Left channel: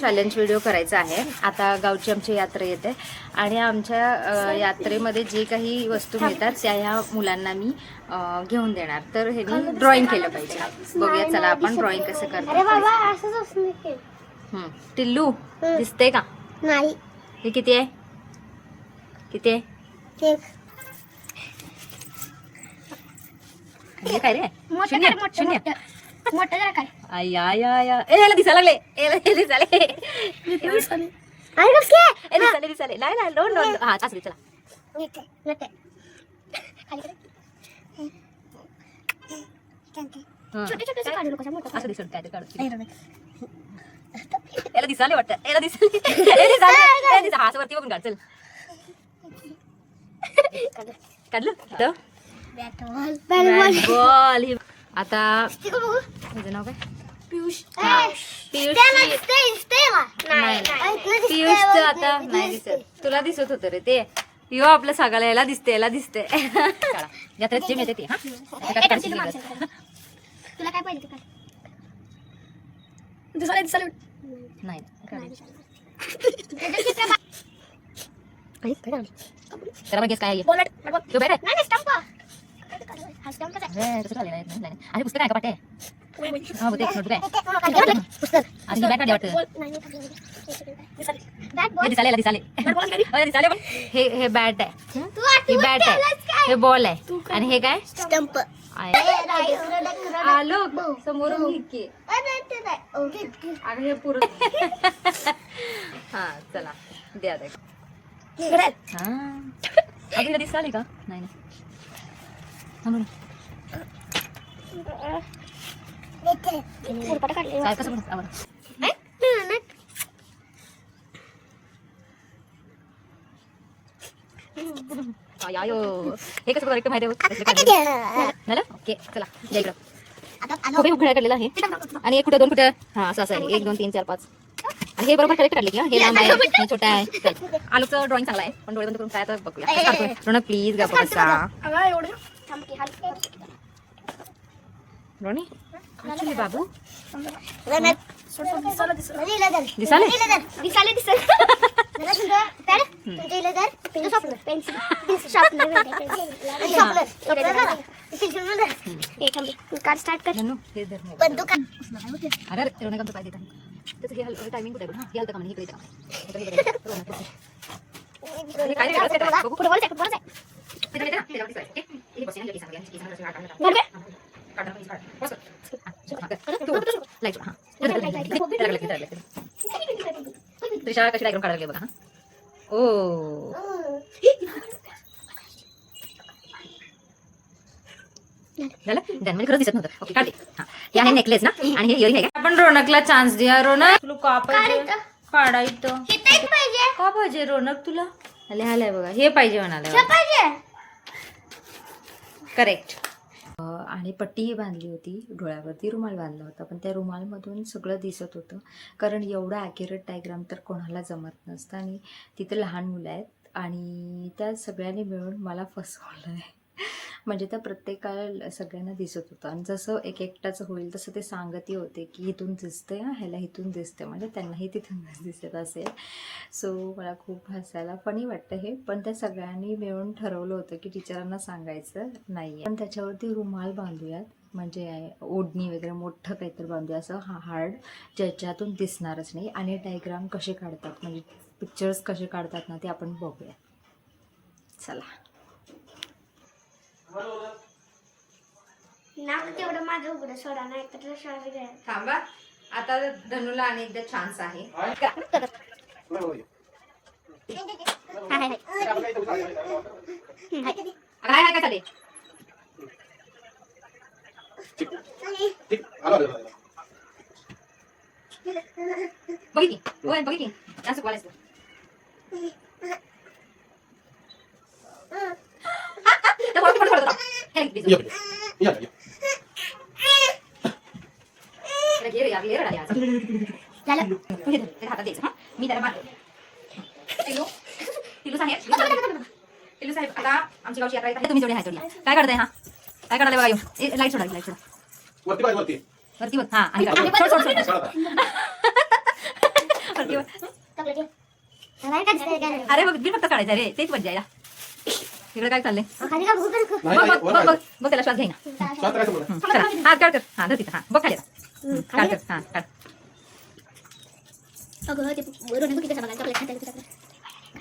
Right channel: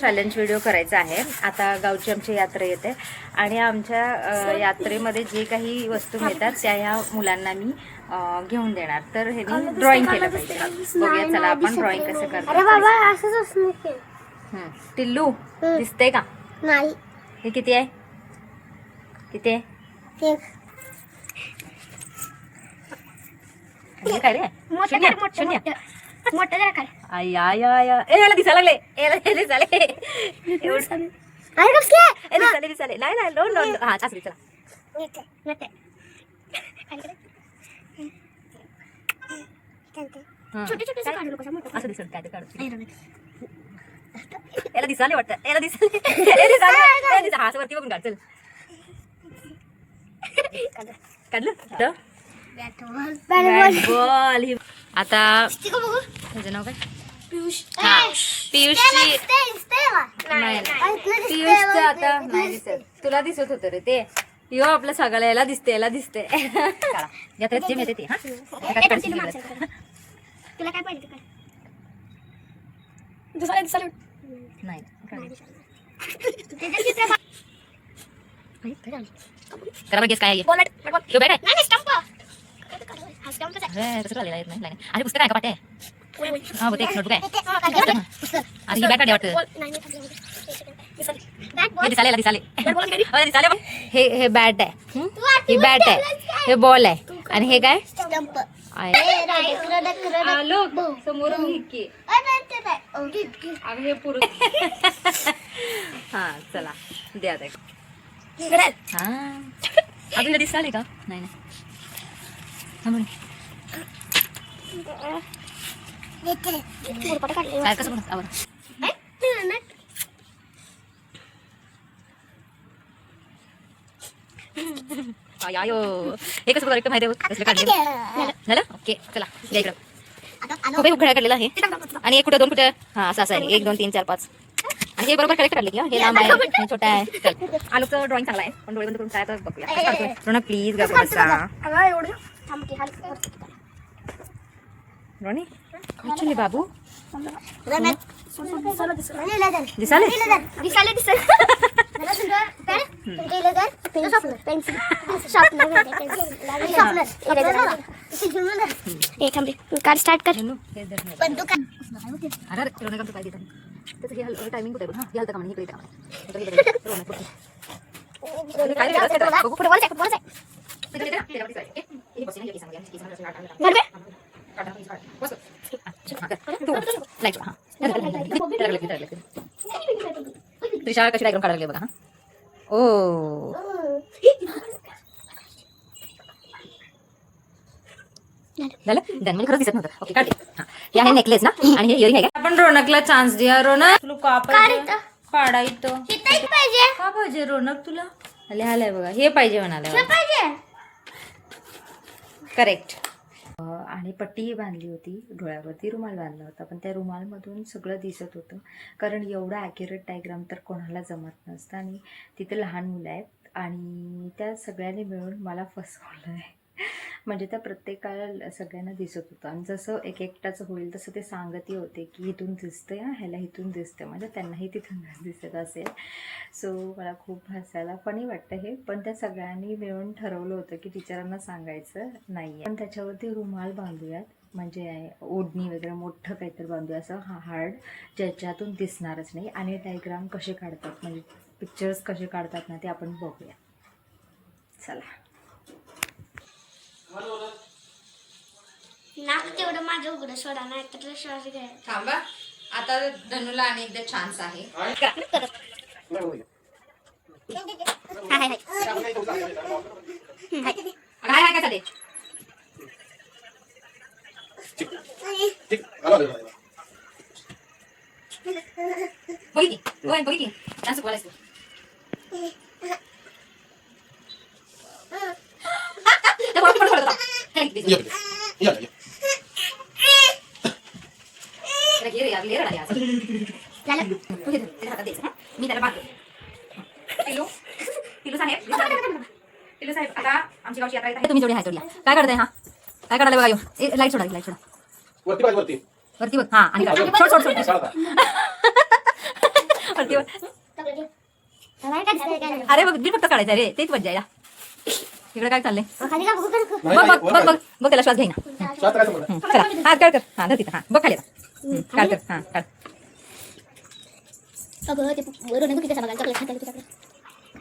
Challenge video करायचा आहे. आता गावची आमची यात्रा येते आणि आमच्या यात्रेमध्ये जे काही वस्तू मिळतात त्या ह्या मुलांना मी घेऊन देणार. तर हे ड्रॉइंग केलं पाहिजे. बघूया चला आपण ड्रॉइंग कसं करतो. टिल्लू दिसते का? नाही. हे किती आहे? किती आहे? हे काय रे? शून्य शून्य. मोठं जरा काय? आया याला दिसायला लागले. दिसायले दिसायले. नाही नाही दोन दोन. हा चासरी चला. असं दिसत काय ते काढू. याला दिसाले वाटतं. याला दिसाले. हात वरती बघून काढ. चल काढलं बॅट बॉल. आता त्याचं नाव काय? पियुष. पियुषची नाही पियुषचं आता नाही दिसत. तुला दिसत होतं रे ते. यो आपलं सगळ्याला याला दिसते. याला दिसते. यात्रेत जे मिळते ते. हा तुला काय पाहिजे? नाही करा गेस काय आहे? बॅट आहे. अरे पुस्तक आहे का पाटे? हा बघ नोटबुक आहे. अरे ही बॅट आहे वाटतं. हे दिसाले बघ. हे बॅट आहे. ही बॅट आहे. हे बॉल आहे. आणि हे काय? स्टंप. आलो समोरून हे पुरुष. हा चला द्या द्या. हा अजून दिसाले का? नाही नाही. काय कसं म्हणत आवर हे कसं बघा माहिती झालं. ओके चला द्या इकडं. खूप उघड्या काढलेला आहे. आणि एक कुठं दोन कुठं. हा असं आहे. 1 2 3 4 5. आणि हे बरोबर करेक्ट काढले की हे लांब आहे हे छोटा आहे. आलूचं ड्रॉइंग चांगला आहे पण डोळे बंद करून काय तर बघूया. रोना प्लीज गा बसा. रोनी ऍक्च्युली बाबू दिसाले कार्ड स्टार्ट कर. अरे रोना काम पाहिजे त्याचं हे हलका टायमिंग कुठे आहे? हे हलका का म्हणजे त्रिशा कशी डायग्राम काढायला बघा. ओ झालं मला खरंच दिसत नव्हतं. ओके काढले. हा हे आहे नेकलेस ना आणि हे इयरिंग आहे का? आपण रोनकला चान्स द्या. रोनक तुला का पाहिजे? काढायचं का पाहिजे रोनक तुला? लिहायलाय बघा. हे पाहिजे म्हणाले. करेक्ट. आणि पट्टी बांधली होती डोळ्यावरती. रुमाल बांधला होता पण त्या रुमालमधून सगळं दिसत होतं. कारण एवढं ॲक्युरेट डायग्राम तर कोणाला जमत नसतं. आणि तिथं लहान मुलं आहेत आणि त्या सगळ्यांनी मिळून मला फसवलं आहे. म्हणजे त्या प्रत्येकाला सगळ्यांना दिसत होतं. आणि जसं एक एकटाचं होईल तसं ते सांगतही होते की इथून दिसतंय ह्याला इथून दिसतंय. म्हणजे त्यांनाही तिथूनच दिसत असेल. सो मला खूप हसायला फनी वाटतं हे. पण त्या सगळ्यांनी मिळून ठरवलं होतं की टीचरांना सांगायचं नाही पण त्याच्यावरती रुमाल बांधूयात. म्हणजे ओढणी वगैरे मोठं काहीतरी बांधूया असं हार्ड ज्याच्यातून दिसणारच नाही. आणि डायग्राम कसे काढतात म्हणजे पिक्चर्स कसे काढतात ना ते आपण बघूया. चला नाक तेवढं माझं उघडं सोडा नाही तर श्वास घ्या. थांबा आता धनुला आणि एकदा चान्स आहे. हाय का चालेल. बघी बघी असं बोलायचं. मी त्याला बांधतो. टिलू साहेब आता आमची गावची यात्रा आहे. तुम्ही जोडी हात जोडला काय करताय? हा काय काढायला बघा. येऊ लाईट सोडा लाईट सोडा वरती बघ. हा आणि सोड सोड सोड. अरे बघ मी फक्त काढायचं रे तेच मज्जा या इकडे काय चाललंय बघ बघ बघ बघ बघ त्याला श्वास घेईना चला हात काढ कर हा धर तिथं हा बघ खाली काढ कर हा काढ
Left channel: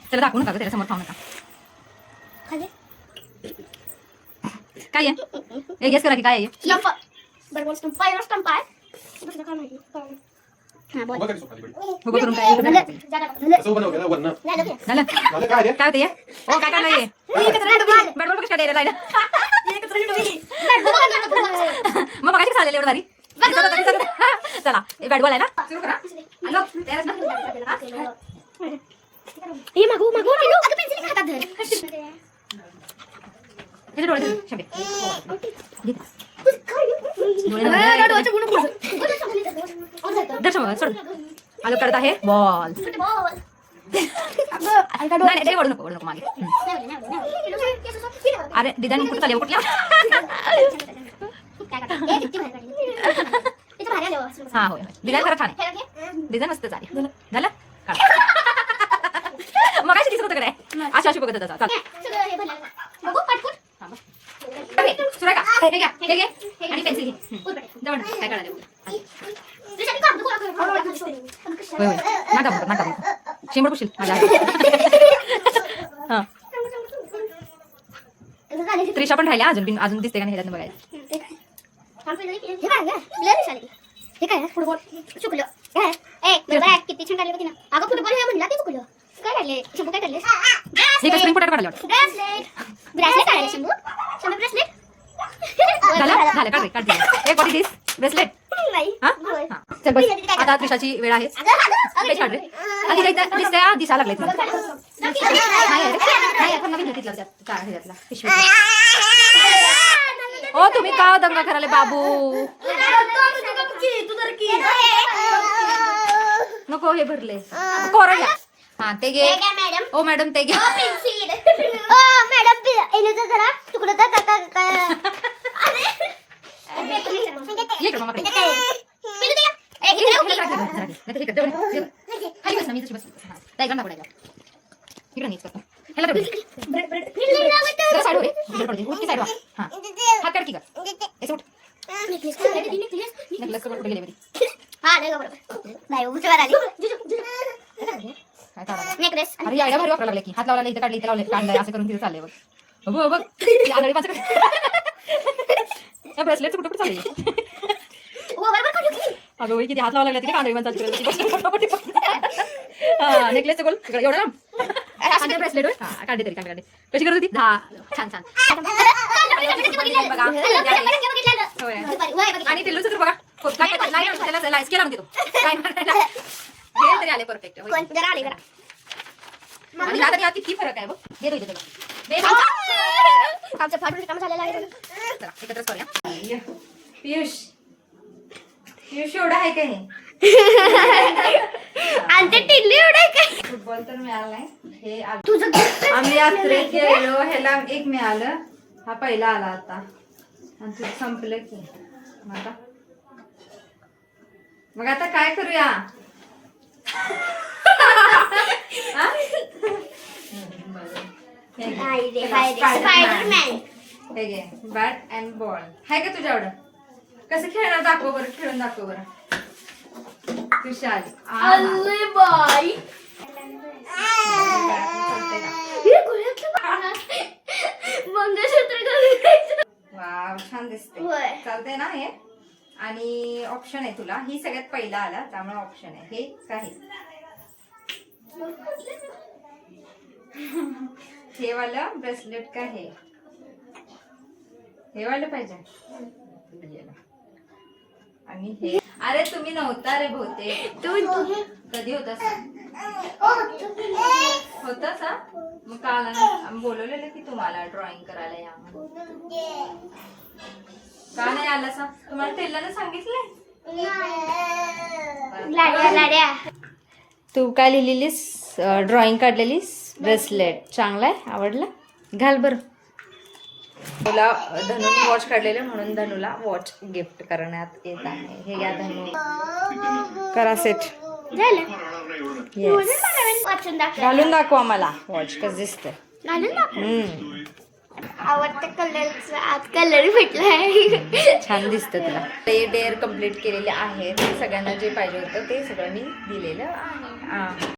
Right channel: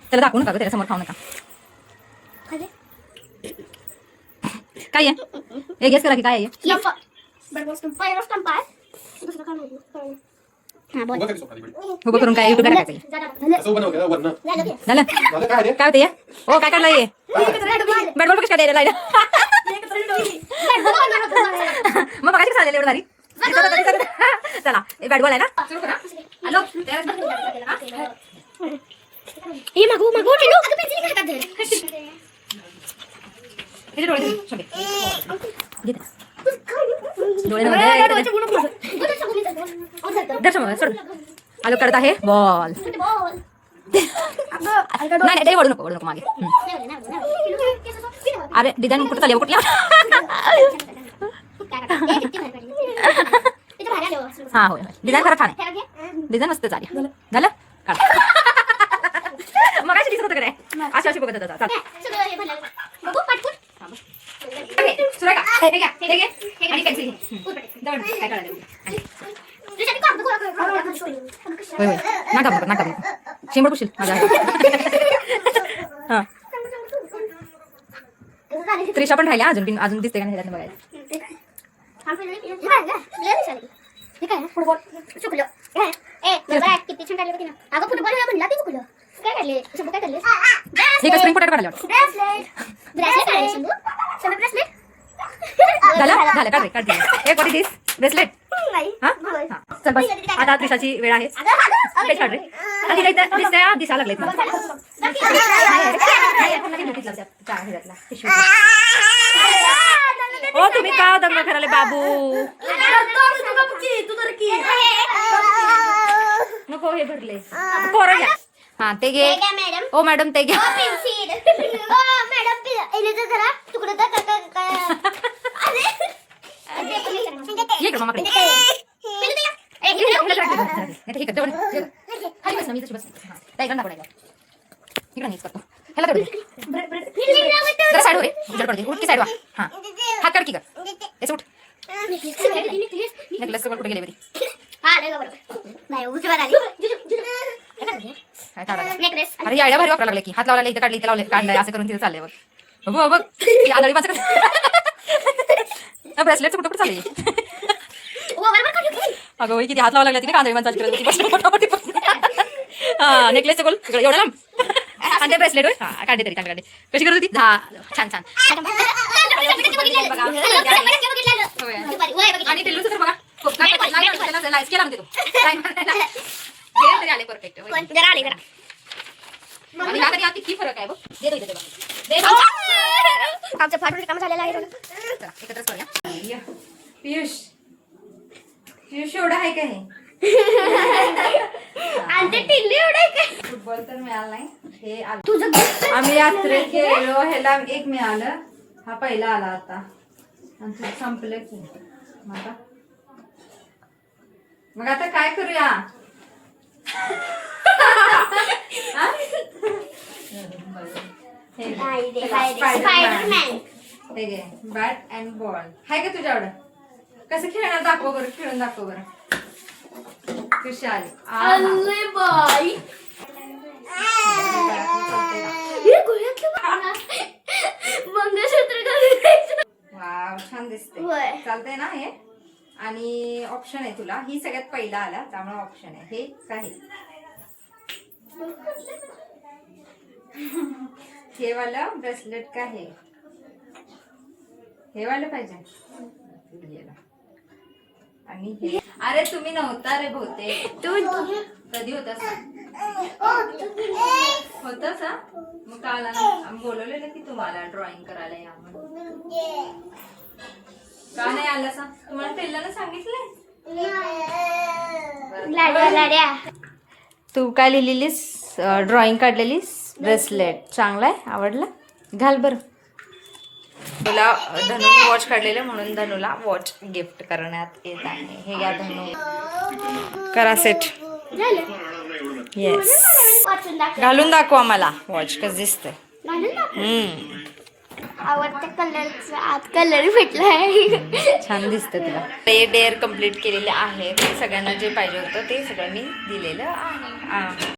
त्याला दाखवू नका त्याच्या समोर खाऊ नका काय आहे एक गेस करा की काय आहे उभं करून काय झालं काय होते हो काय काढलं हे बॅट बॉल कशी काय द्यायला मग बघायची चालेल एवढं भारी चला बॅट बॉल आहे ना सुरू करा हॅलो किती डोळे शंभे दर्शन सोड हॅलो करत आहे बॉल नाही ओढू नको मागे अरे डिझाईन कुठं चालेल कुठल्या हा होय डिझाईन खरं छान आहे डिझाईन मस्त चालेल झालं मग अशी दिसत होतं काय अशी अशी बघत होता शेंबड पुशील माझ्या त्रिशा पण राहिल्या अजून दिसते का नाही ह्याच्यात बघायचं फुटबॉल चुकलं किती छान काढले ना अगं फुटबॉल म्हणला ते चुकलं काय काढले शंभू काय काढले स्प्रिंग पोटॅटो काढले ब्रेसलेट काढले शंभू शंभू ब्रेसलेट झालं काढ काढ एक बॉडी दिस ब्रेसलेट हा चल बस आता त्रिशाची वेळ आहे काढ रे दिसा लागले ओ तुम्ही का दंगा करायला बाबू नको हे भरले कोरं घ्या हा ते घे ओ मॅडम ते घ्या हात काढ की कर उठ नेकलेस कुठे गेले बरी अरे आयडिया भारी वापरायला लागले की हात लावला इथं काढली इथं लावले काढलंय असं करून तिथं चाललंय बघ बघ बघ आदळी माणसं ब्रेसलेट कुठं कुठं चालले अगं किती हात लावा लागला तिने कांदळी माणसाची हा नेकलेसचं गोल एवढं लांब आणि ते ब्रेसलेट होय हा काढले तरी काढले कशी करत होती छान छान आणि ते लुच बघा केला म्हणते तू तरी आले परफेक्ट आणि आता किती फरक आहे बघ आमचं फाटून काम झालेलं आहे एकत्रच करूया पियुष एवढं आहे का हे आणि ते टिल्ली एवढे काय फुटबॉल तर मिळाला नाही हे आम्ही यात्रे खेळलो ह्याला एक मिळालं हा पहिला आला आता आणि तुझं संपलं की मग आता काय करूया स्पायडरमॅन बॅट अँड बॉल हाय का तुझ्याकडं कसं खेळणार दाखव बरं खेळून दाखव बरं खुशाल वाव छान दिसते चालतंय ना हे आणि ऑप्शन आहे तुला ही सगळ्यात पहिला आला त्यामुळे ऑप्शन आहे हे काय हे वालं ब्रेसलेट काय हे वालं पाहिजे आणि हे अरे तुम्ही नव्हता रे बहुतेक तू कधी होतास मग काल आम्ही बोलवलेलं की तुम्हाला ड्रॉइंग करायला या म्हणून का नाही आला सा तुम्हाला टेलरने सांगितलंय तू काय लिहिलीस ड्रॉइंग काढलेलीस ब्रेसलेट चांगला आहे आवडलं घाल बरं तुला धनूने वॉच काढलेलं म्हणून धनूला वॉच गिफ्ट करण्यात येत आहे हे या धनू करा सेट येस वाचून दाखव. घालून दाखवा मला वॉच कसं दिसतंय. घालून दाखव. हम्म, आवडत्या कलरचा आत कलर भेटलाय. छान दिसतं तुला. ते डेअर कम्प्लीट केलेले आहेत. सगळ्यांना जे पाहिजे होतं ते सगळं मी दिलेलं आहे.